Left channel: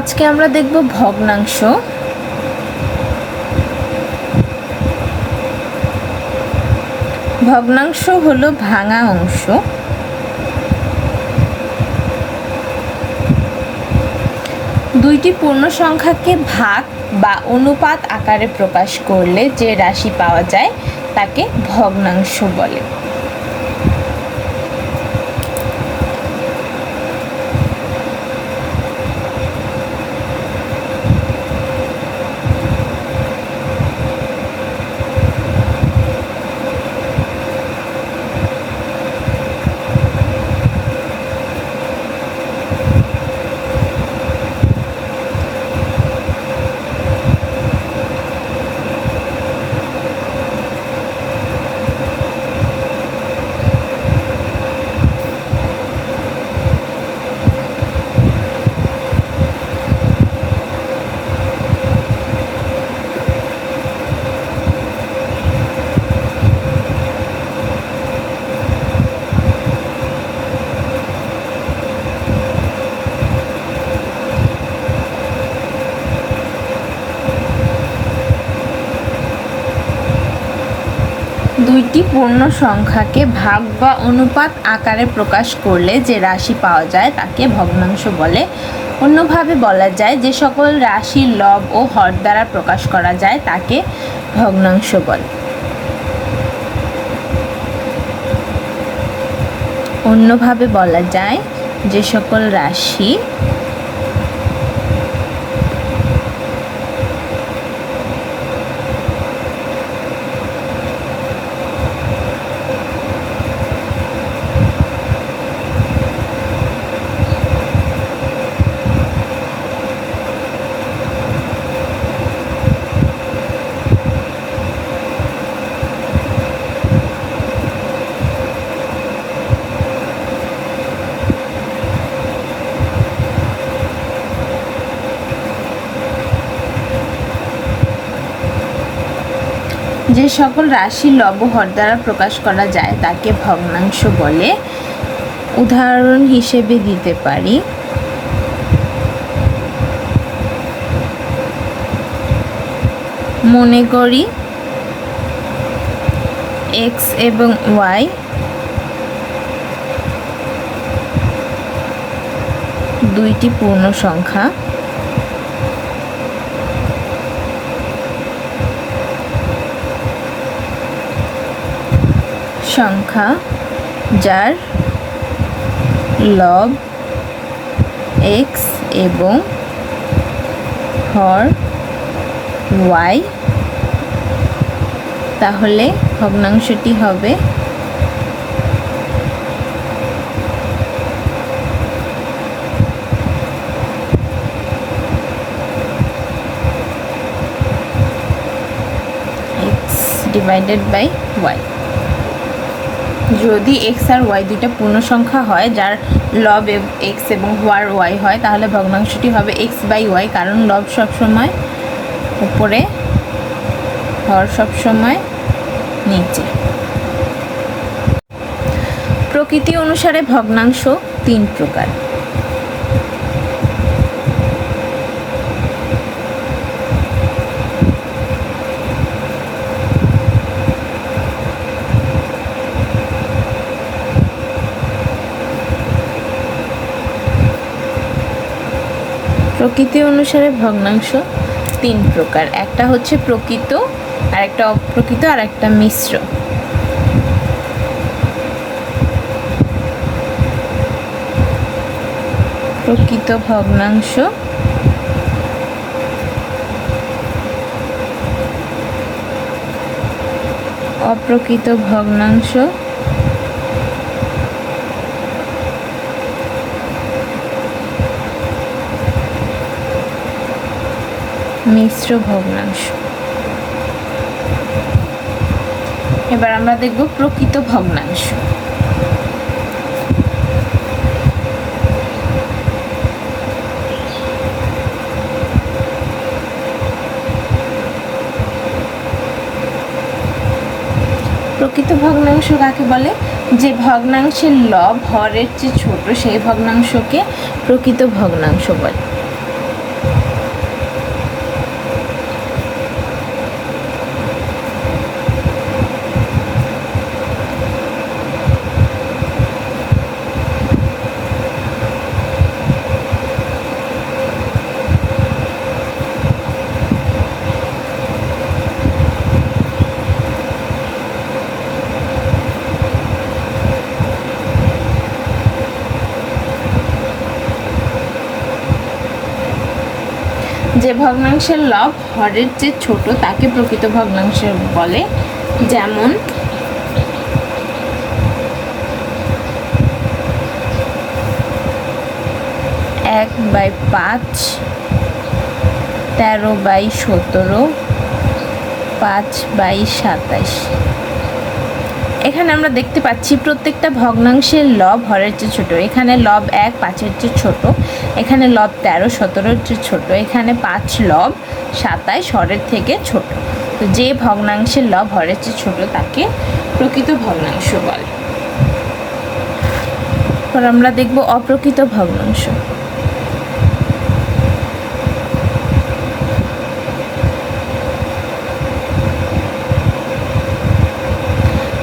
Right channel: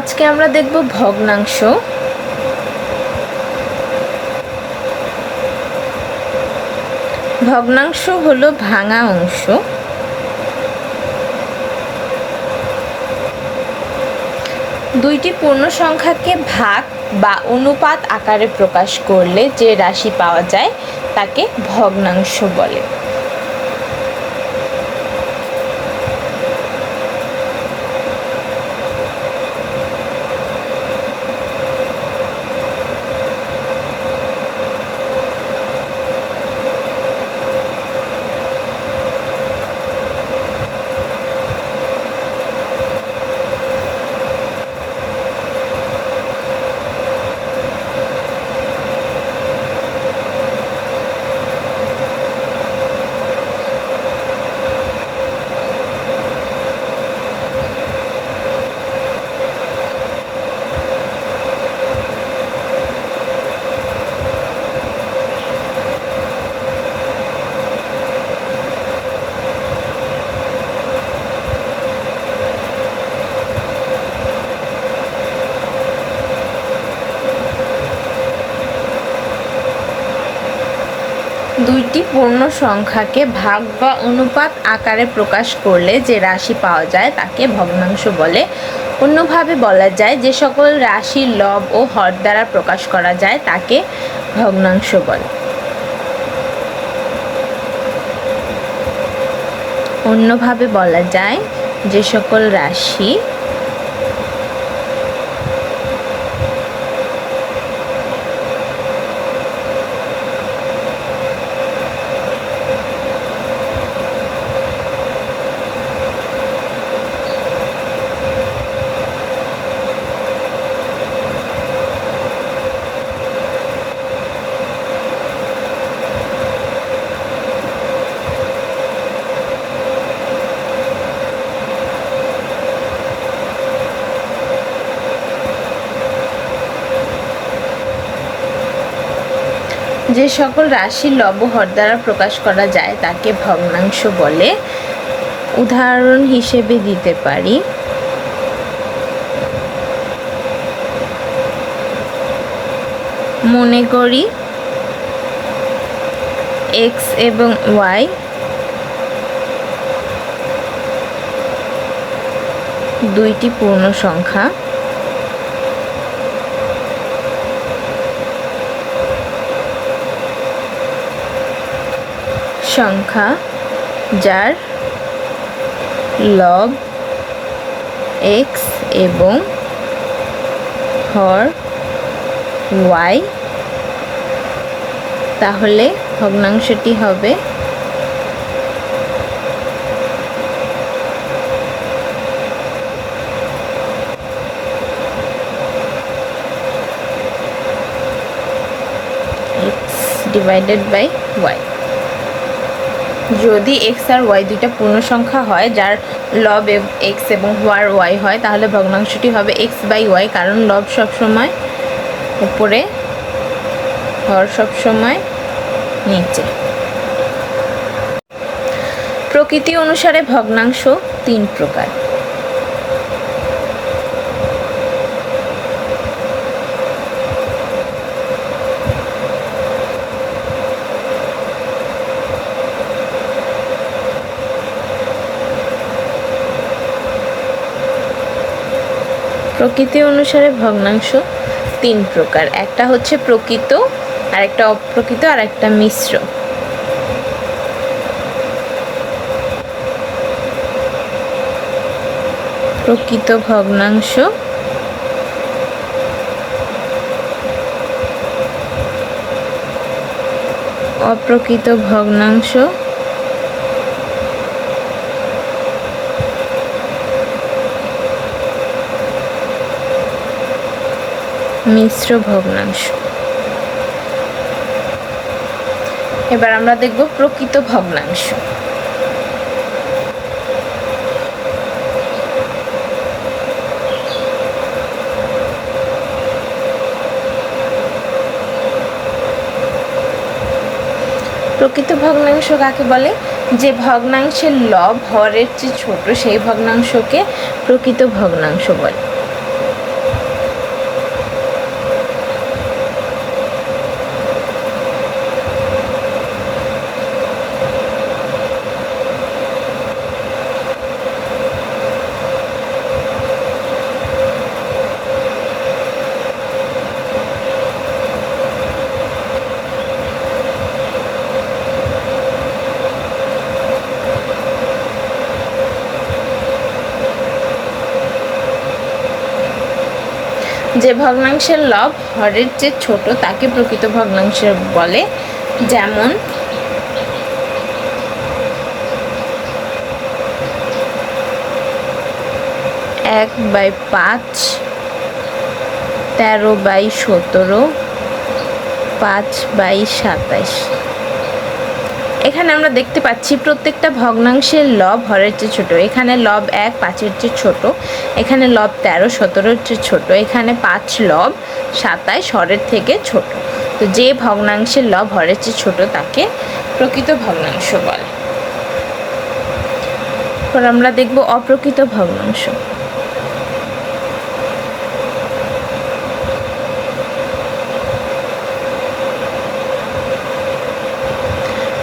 আজকে আমরা দেখব ভগ্নাংশ। ভগ্নাংশ হলো ভাঙা অংশ। দুইটি পূর্ণ সংখ্যাকে ভাগ বা অনুপাত আকারে প্রকাশ করলে যে রাশি পাওয়া যায় তাকে ভগ্নাংশ বলে। দুইটি পূর্ণ সংখ্যাকে ভাগ বা অনুপাত আকারে প্রকাশ করলে যে রাশি পাওয়া যায় তাকে ভগ্নাংশ বলে। অন্যভাবে বলা যায় যে সকল রাশি লব ও হর দ্বারা প্রকাশ করা যায় তাকে ভগ্নাংশ বলে। অন্যভাবে বলা যায় যে সকল রাশি যে সকল রাশি লবহর দ্বারা প্রকাশ করা যায়, তাকে ভগ্নাংশ বলে উদাহরণ হিসেবে দিতে পারি। মনে করি এক্স এবং ওয়াই দুইটি পূর্ণ সংখ্যা। সংখ্যা যার লব এক্স এবং হর ওয়াই তাহলে ভগ্নাংশটি হবে ডিভাইডেড বাই ওয়াই যদি এক্স আর ওয়াই দুইটা পূর্ণ সংখ্যা হয়, যার লব এক্স এবং হোয়ার ওয়াই হয়, তাহলে ভগ্নাংশটি হবে এক্স বাই ওয়াই কারণ লব সবসময় উপরে, হর সবসময় নিচে। প্রকৃতি অনুসারে ভগ্নাংশ তিন প্রকার। প্রকৃতি অনুসারে ভগ্নাংশ তিন প্রকার। একটা হচ্ছে প্রকৃত আর একটা অপ্রকৃত আর একটা মিশ্র। প্রকৃত ভগ্নাংশ। অপ্রকৃত ভগ্নাংশ। মিশ্র ভগ্নাংশ। এবার আমরা দেখব প্রকৃত ভগ্নাংশ। প্রকৃত ভগ্নাংশ কাকে বলে? যে ভগ্নাংশের লব হরের চেয়ে ছোট, সেই ভগ্নাংশকে প্রকৃত ভগ্নাংশ বলে। যে ভগ্নাংশের লব হরের চেয়ে ছোট, তাকে প্রকৃত ভগ্নাংশ বলে। যেমন, এক বাই পাঁচ, তেরো বাই সতেরো, পাঁচ বাই সাতাশ। এখানে আমরা দেখতে পাচ্ছি প্রত্যেকটা ভগ্নাংশের লব হরের চেয়ে ছোট। এখানে লব এক, পাঁচের চেয়ে ছোট। এখানে লব তেরো, সতেরোর চেয়ে ছোট। এখানে পাঁচ লব সাতাশ হরের থেকে ছোট। তো যে ভগ্নাংশের লব হরের চেয়ে ছোট তাকে প্রকৃত ভগ্নাংশ বলে। এরপর আমরা দেখব অপ্রকৃত ভগ্নাংশ।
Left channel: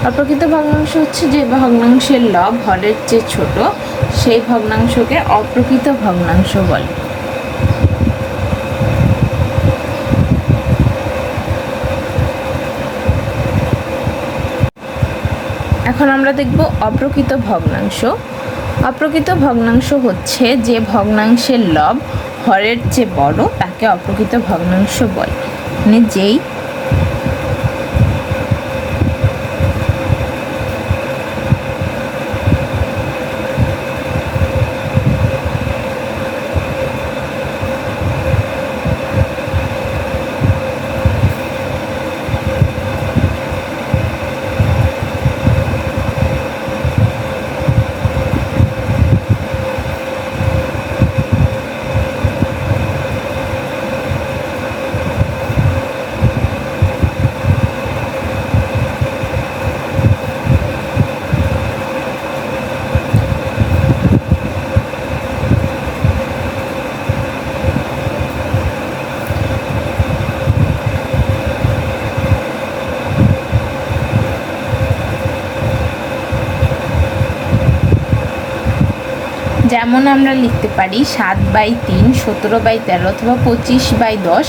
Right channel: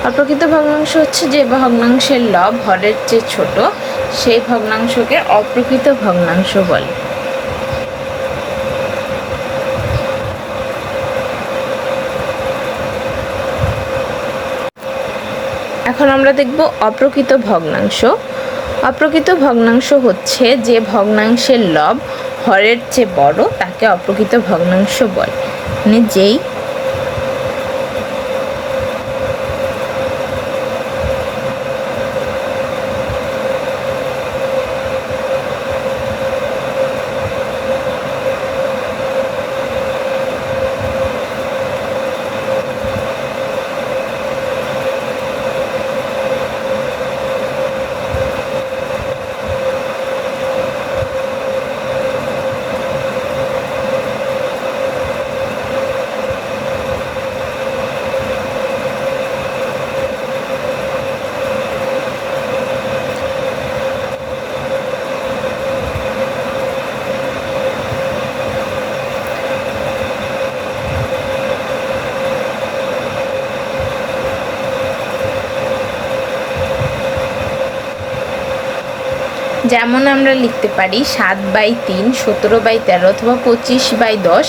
অপ্রকৃত ভগ্নাংশ হচ্ছে যে ভগ্নাংশের লব হরের চেয়ে ছোট, সেই ভগ্নাংশকে অপ্রকৃত ভগ্নাংশ বলে। এখন আমরা দেখব অপ্রকৃত ভগ্নাংশ। অপ্রকৃত ভগ্নাংশ হচ্ছে যে ভগ্নাংশের লব হরের চেয়ে বড়, তাকে অপ্রকৃত ভগ্নাংশ বলে। মানে যেই যেমন আমরা লিখতে পারি সাত বাই তিন, সতেরো বাই তেরো অথবা পঁচিশ বাই দশ।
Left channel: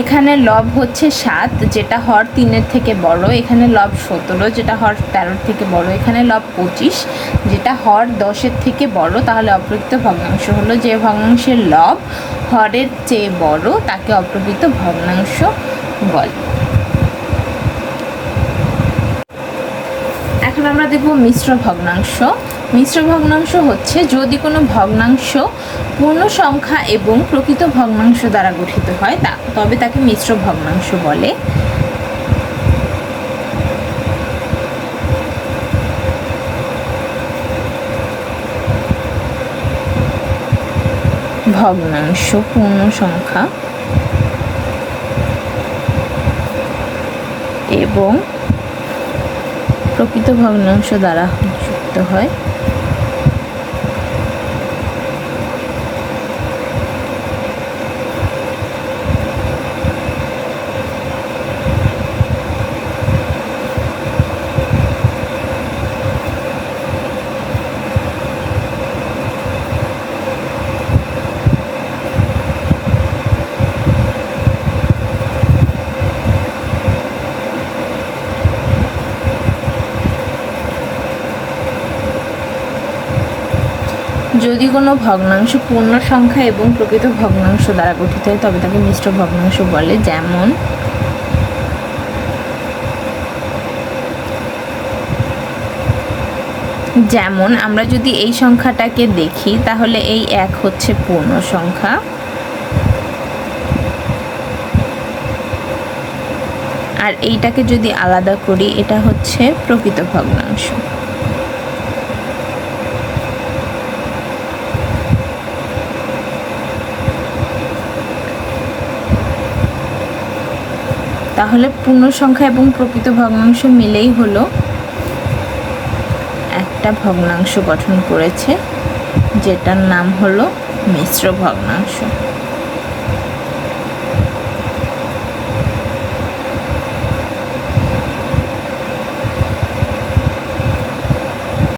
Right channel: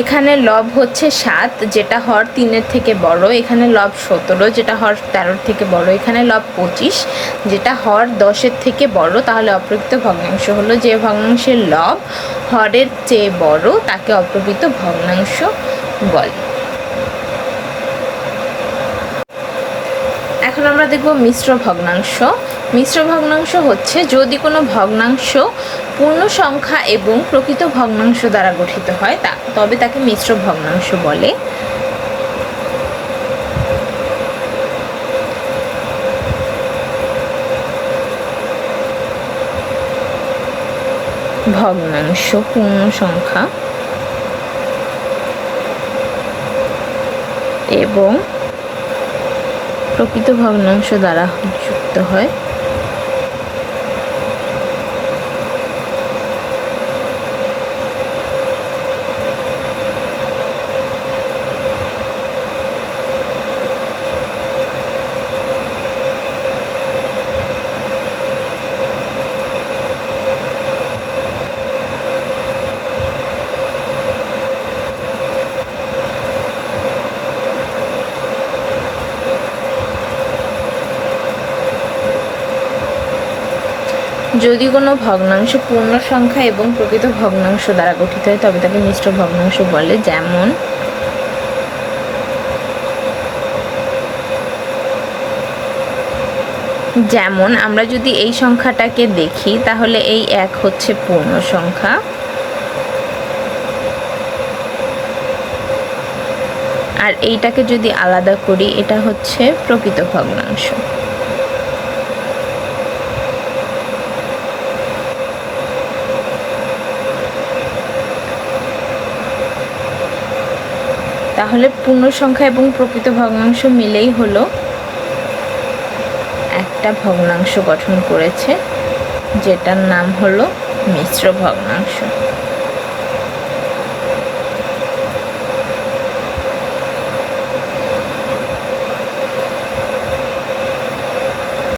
এখানে লব হচ্ছে সাত, যেটা হর তিনের থেকে বড়, এখানে লব সতেরো, যেটা হর তেরোর থেকে বড়, এখানে লব পঁচিশ। যেটা হর দশের থেকে বড়, তাহলে অপ্রকৃত ভগ্নাংশ হলো যে ভগ্নাংশের লব হরের চেয়ে বড়, তাকে অপ্রকৃত ভগ্নাংশ বলে। এখন আমরা দেখব মিশ্র ভগ্নাংশ। মিশ্র ভগ্নাংশ হচ্ছে যদি কোনো ভগ্নাংশ পূর্ণ সংখ্যা এবং প্রকৃত ভগ্নাংশ দ্বারা গঠিত হয় তা তবে তাকে মিশ্র ভগ্নাংশ বলে। ভগ্নাংশ পূর্ণ সংখ্যা এবং প্রকৃত ভগ্নাংশ দ্বারা যুক্ত হয়। যদি কোনো ভগ্নাংশ পূর্ণ সংখ্যা এবং প্রকৃত ভগ্নাংশ দ্বারা গঠিত হয়, তবে তাকে মিশ্র ভগ্নাংশ বলে। যেমন যেমন, আমরা যদি এই সংখ্যাটাকে দেখি, তাহলে এই এক হচ্ছে পূর্ণ সংখ্যা। আর এইটাকে যদি আলাদা করি, এটা হচ্ছে প্রকৃত ভগ্নাংশ। তাহলে পূর্ণ সংখ্যা এবং প্রকৃত ভগ্নাংশ মিলেই হলো। একটা ভগ্নাংশ গঠন করেছে, যেটার নাম হলো মিশ্র ভগ্নাংশ।